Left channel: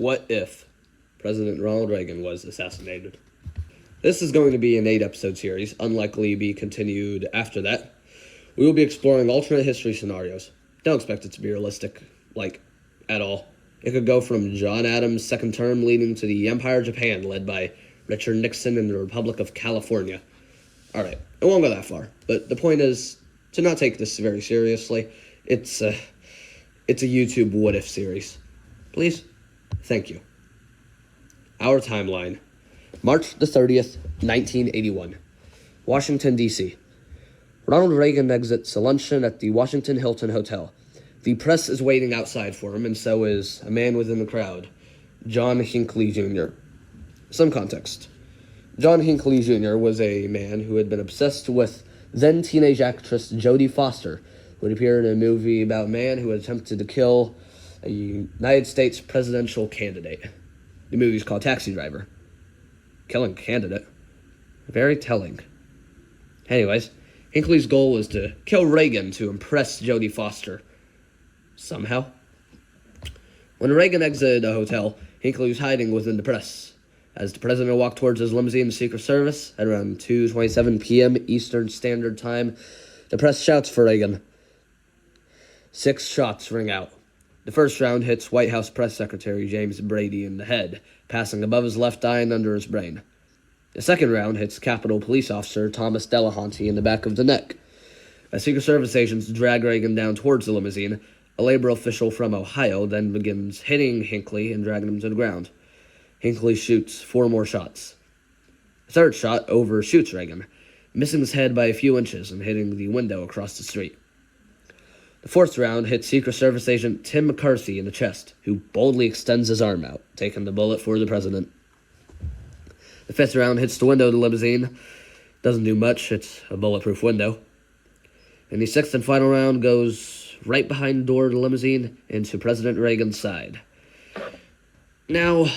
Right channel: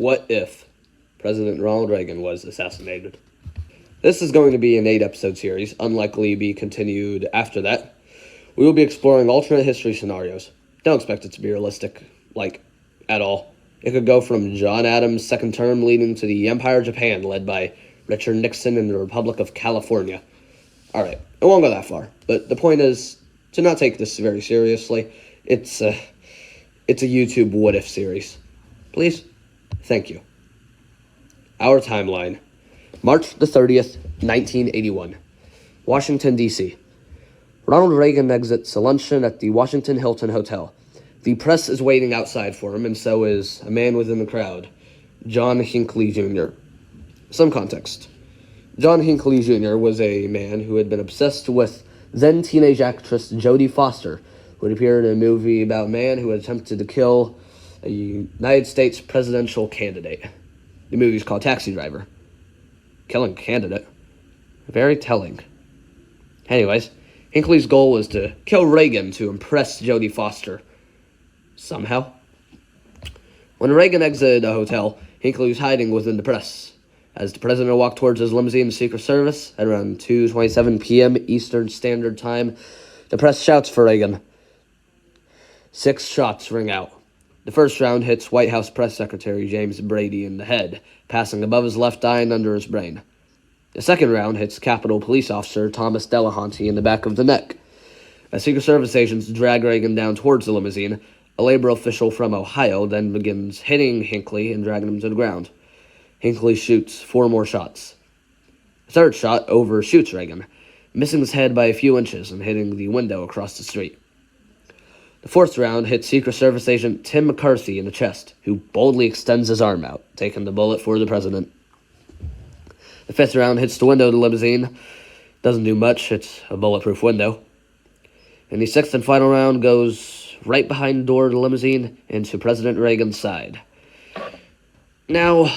What if President Ronald Reagan was assassinated? This is going to be an 8-episode series, unlikely to be continued after that. We will be exploring alternate history scenarios. Don't expect it to be realistic, at all. It could go from John Adams' second term leading to the Empire of Japan led by Richard Nixon and the Republic of California. Alright, it won't go that far, but the point is to not take this very seriously. It's a YouTube what-if series. Please? Thank you. Our timeline. March the 30th, 1981. Washington, D.C. Ronald Reagan exits a luncheon at the Washington Hilton Hotel. The press is waiting outside for him, and so is a man within the crowd, John Hinckley Jr. Some context. John Hinckley Jr. was a man who had been obsessed with then-teenage actress Jodie Foster, who had appeared in a movie about a man who had attempted to kill a United States presidential candidate. The movie's called Taxi Driver. Killing candidate. Very telling. Anyways, Hinckley's goal was to kill Reagan to impress Jodie Foster. Somehow. When Reagan exited the hotel, Hinckley was hiding within the press. As the president walked towards his limousine, the Secret Service, at around 2:27 p.m. Eastern Standard Time, the press shouts for Reagan. 6 shots ring out. The first round hits White House Press Secretary James Brady in the head, passing above his left eye and under his brain. The second round hits Capitol Police Officer Thomas Delahanty in the back of the neck. As Secret Service agents drag Reagan down towards the limousine, a labor official from Ohio then begins hitting Hinckley and dragging him to the ground. Hinckley shoots 4 more shots. The third shot overshoots Reagan, missing his head by a few inches and hitting the window across the street. The fourth round hits Secret Service agent Tim McCarthy in the chest, who boldly extends his arm out, taking the bullet for the president. The fifth round hits the window of the limousine. Doesn't do much, it's a bulletproof window. And the sixth and final round goes right behind the door of the limousine into President Reagan's side. Now,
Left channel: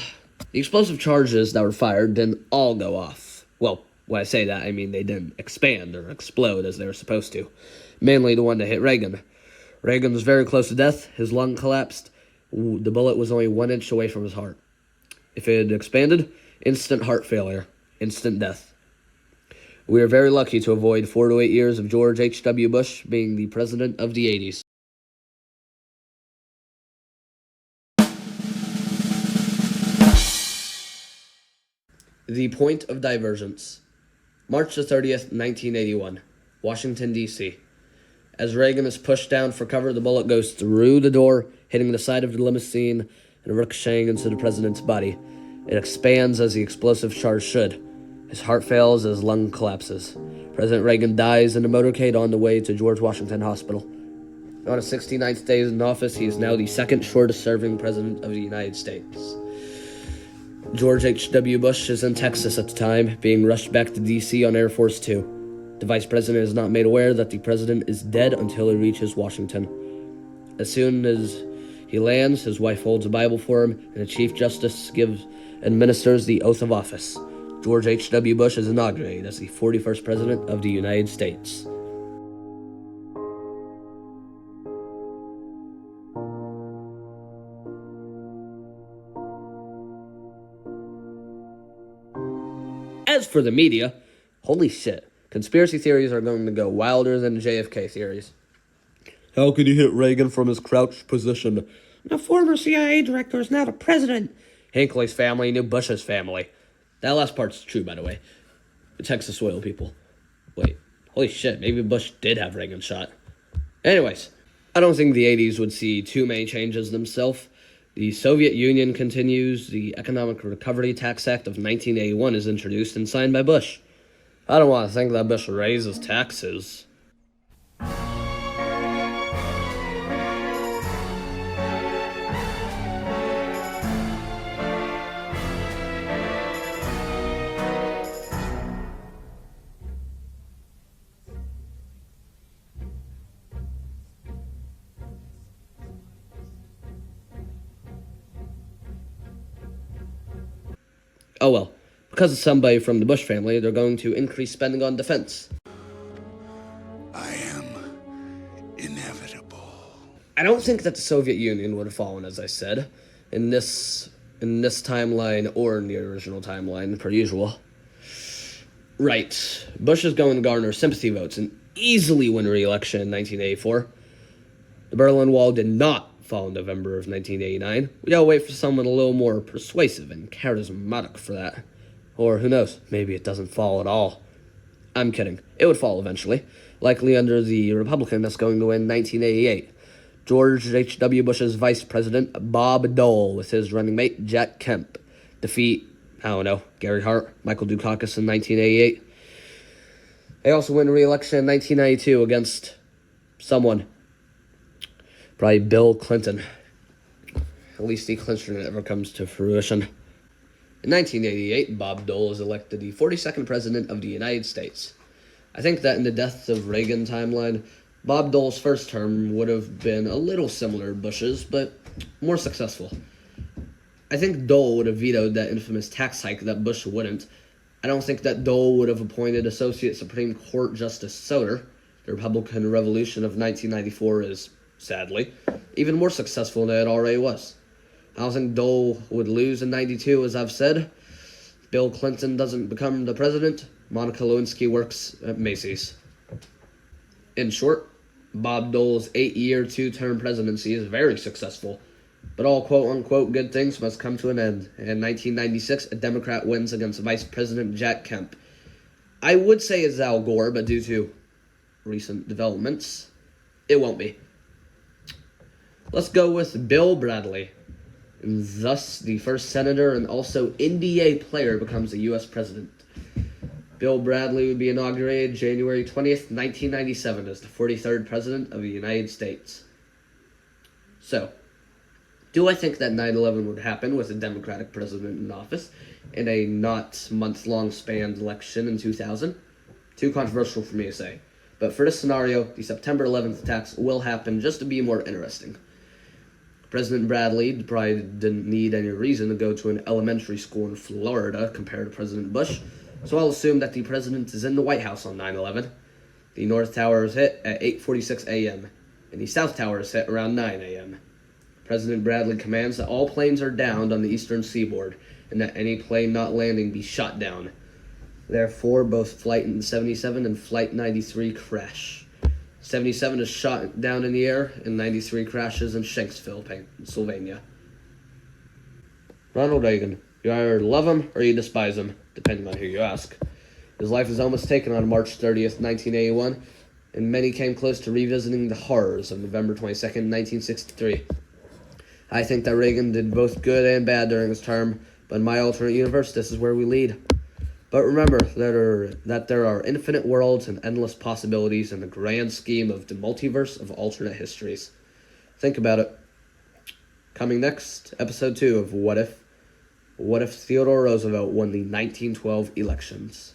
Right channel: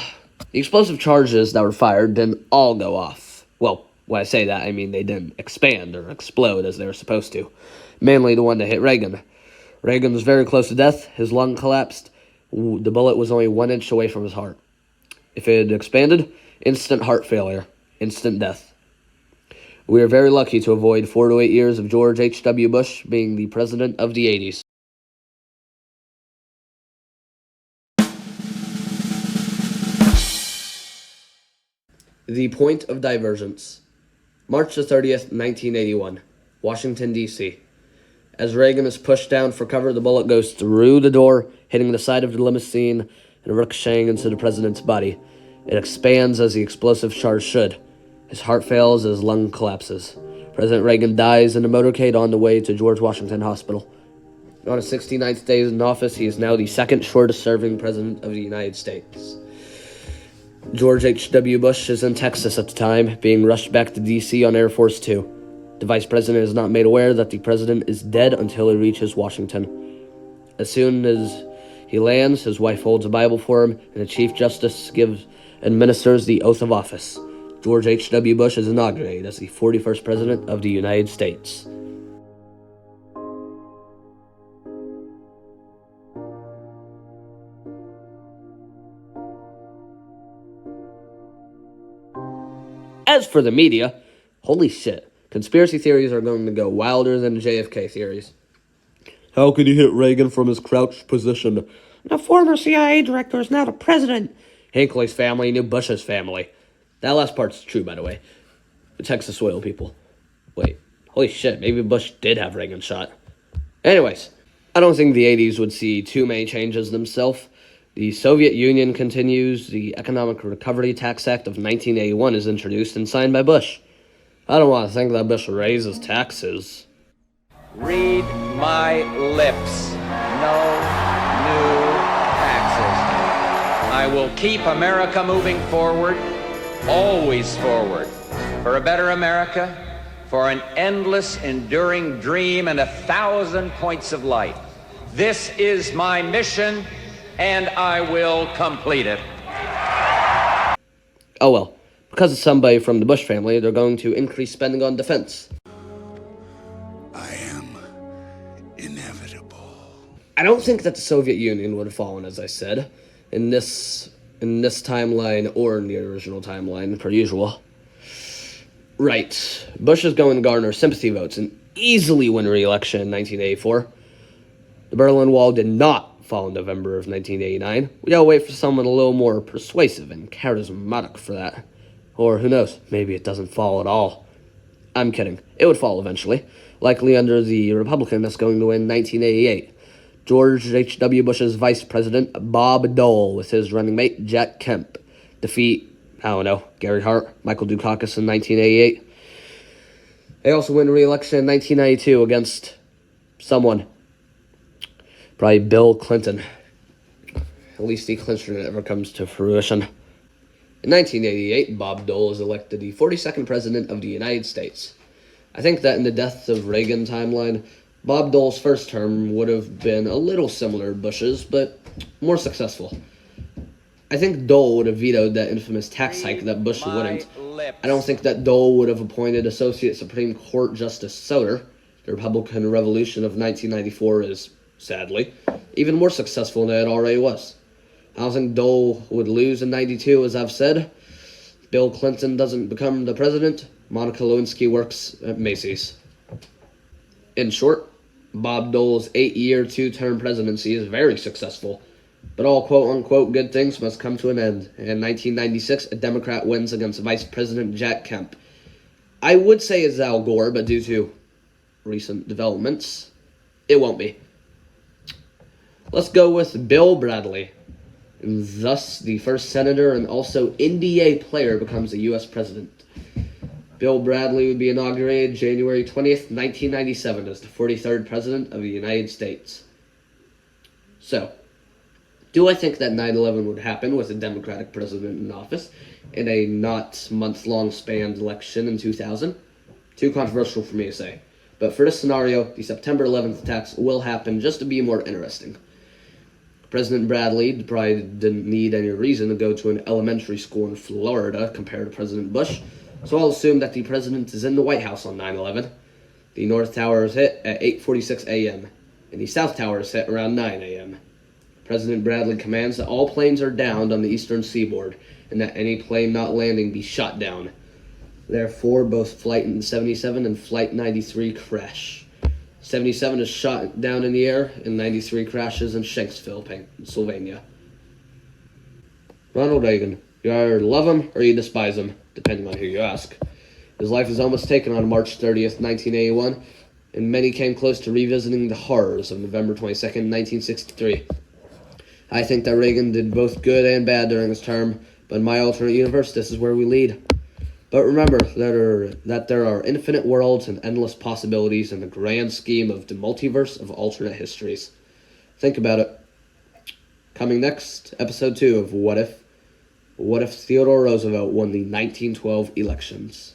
the explosive charges that were fired didn't all go off. Well, when I say that, I mean they didn't expand or explode as they were supposed to. Mainly the one that hit Reagan. Reagan was very close to death. His lung collapsed. The bullet was only 1 inch away from his heart. If it had expanded, instant heart failure, instant death. We are very lucky to avoid 4 to 8 years of George H.W. Bush being the president of the 80s. The point of divergence. March the 30th, 1981. Washington, D.C. As Reagan is pushed down for cover, the bullet goes through the door, hitting the side of the limousine and ricocheting into the president's body. It expands as the explosive charge should. His heart fails as his lung collapses. President Reagan dies in a motorcade on the way to George Washington Hospital. On his 69th day in office, he is now the second shortest-serving president of the United States. George H.W. Bush is in Texas at the time, being rushed back to D.C. on Air Force Two. The vice president is not made aware that the president is dead until he reaches Washington. As soon as he lands, his wife holds a Bible for him, and the Chief Justice administers the oath of office. George H.W. Bush is inaugurated as the 41st President of the United States. As for the media, holy shit, conspiracy theories are going to go wilder than JFK theories. How could he hit Reagan from his crouched position? The former CIA director is now the president. Hinckley's family knew Bush's family. That last part's true, by the way. The Texas oil people. Wait, holy shit, maybe Bush did have Reagan shot. Anyways, I don't think the 80s would see too many changes themselves. The Soviet Union continues. The Economic Recovery Tax Act of 1981 is introduced and signed by Bush. I don't want to think that Bush raises taxes. Read my lips. No new taxes. I will keep America moving forward, always forward, for a better America, for an endless, enduring dream and 1,000 points of light. This is my mission, and I will complete it. Oh well, because of somebody from the Bush family, they're going to increase spending on defense. I am inevitable. I don't think that the Soviet Union would have fallen, as I said. In this in this timeline or in the original timeline, per usual. Right. Bush is going to garner sympathy votes and easily win re-election in 1984. The Berlin Wall did not fall in November of 1989. We gotta wait for someone a little more persuasive and charismatic for that. Or who knows, maybe it doesn't fall at all. I'm kidding. It would fall eventually, likely under the Republican that's going to win 1988. George H.W. Bush's vice president, Bob Dole, with his running mate, Jack Kemp, defeat, Gary Hart, Michael Dukakis in 1988. They also win re-election in 1992 against someone. Probably Bill Clinton. At least he clinched it ever comes to fruition. In 1988, Bob Dole is elected the 42nd President of the United States. I think that in the death of Reagan timeline, Bob Dole's first term would have been a little similar to Bush's, but more successful. I think Dole would have vetoed that infamous tax hike that Bush wouldn't. I don't think that Dole would have appointed Associate Supreme Court Justice Soter. The Republican Revolution of 1994 is, sadly, even more successful than it already was. I don't think Dole would lose in 92, as I've said. Bill Clinton doesn't become the president. Monica Lewinsky works at Macy's. In short, Bob Dole's 8-year, 2-term presidency is very successful. But all quote-unquote good things must come to an end. In 1996, a Democrat wins against Vice President Jack Kemp. I would say it's Al Gore, but due to recent developments, it won't be. Let's go with Bill Bradley. And thus, the first senator and also NBA player becomes a U.S. president. Bill Bradley would be inaugurated January 20th, 1997 as the 43rd president of the United States. So, do I think that 9/11 would happen with a Democratic president in office in a not month-long spanned election in 2000? Too controversial for me to say. But for this scenario, the September 11th attacks will happen just to be more interesting. President Bradley probably didn't need any reason to go to an elementary school in Florida compared to President Bush, so I'll assume that the president is in the White House on 9/11. The North Tower is hit at 8:46 a.m., and the South Tower is hit around 9 a.m. President Bradley commands that all planes are downed on the eastern seaboard, and that any plane not landing be shot down. Therefore, both Flight 77 and Flight 93 crash. 77 is shot down in the air, and 93 crashes in Shanksville, Pennsylvania. Ronald Reagan. You either love him or you despise him, depending on who you ask. His life was almost taken on March 30th, 1981, and many came close to revisiting the horrors of November 22nd, 1963. I think that Reagan did both good and bad during his term, but in my alternate universe, this is where we lead. But remember that there are infinite worlds and endless possibilities in the grand scheme of the multiverse of alternate histories. Think about it. Coming next, episode 2 of What If? What if Theodore Roosevelt won the 1912 elections?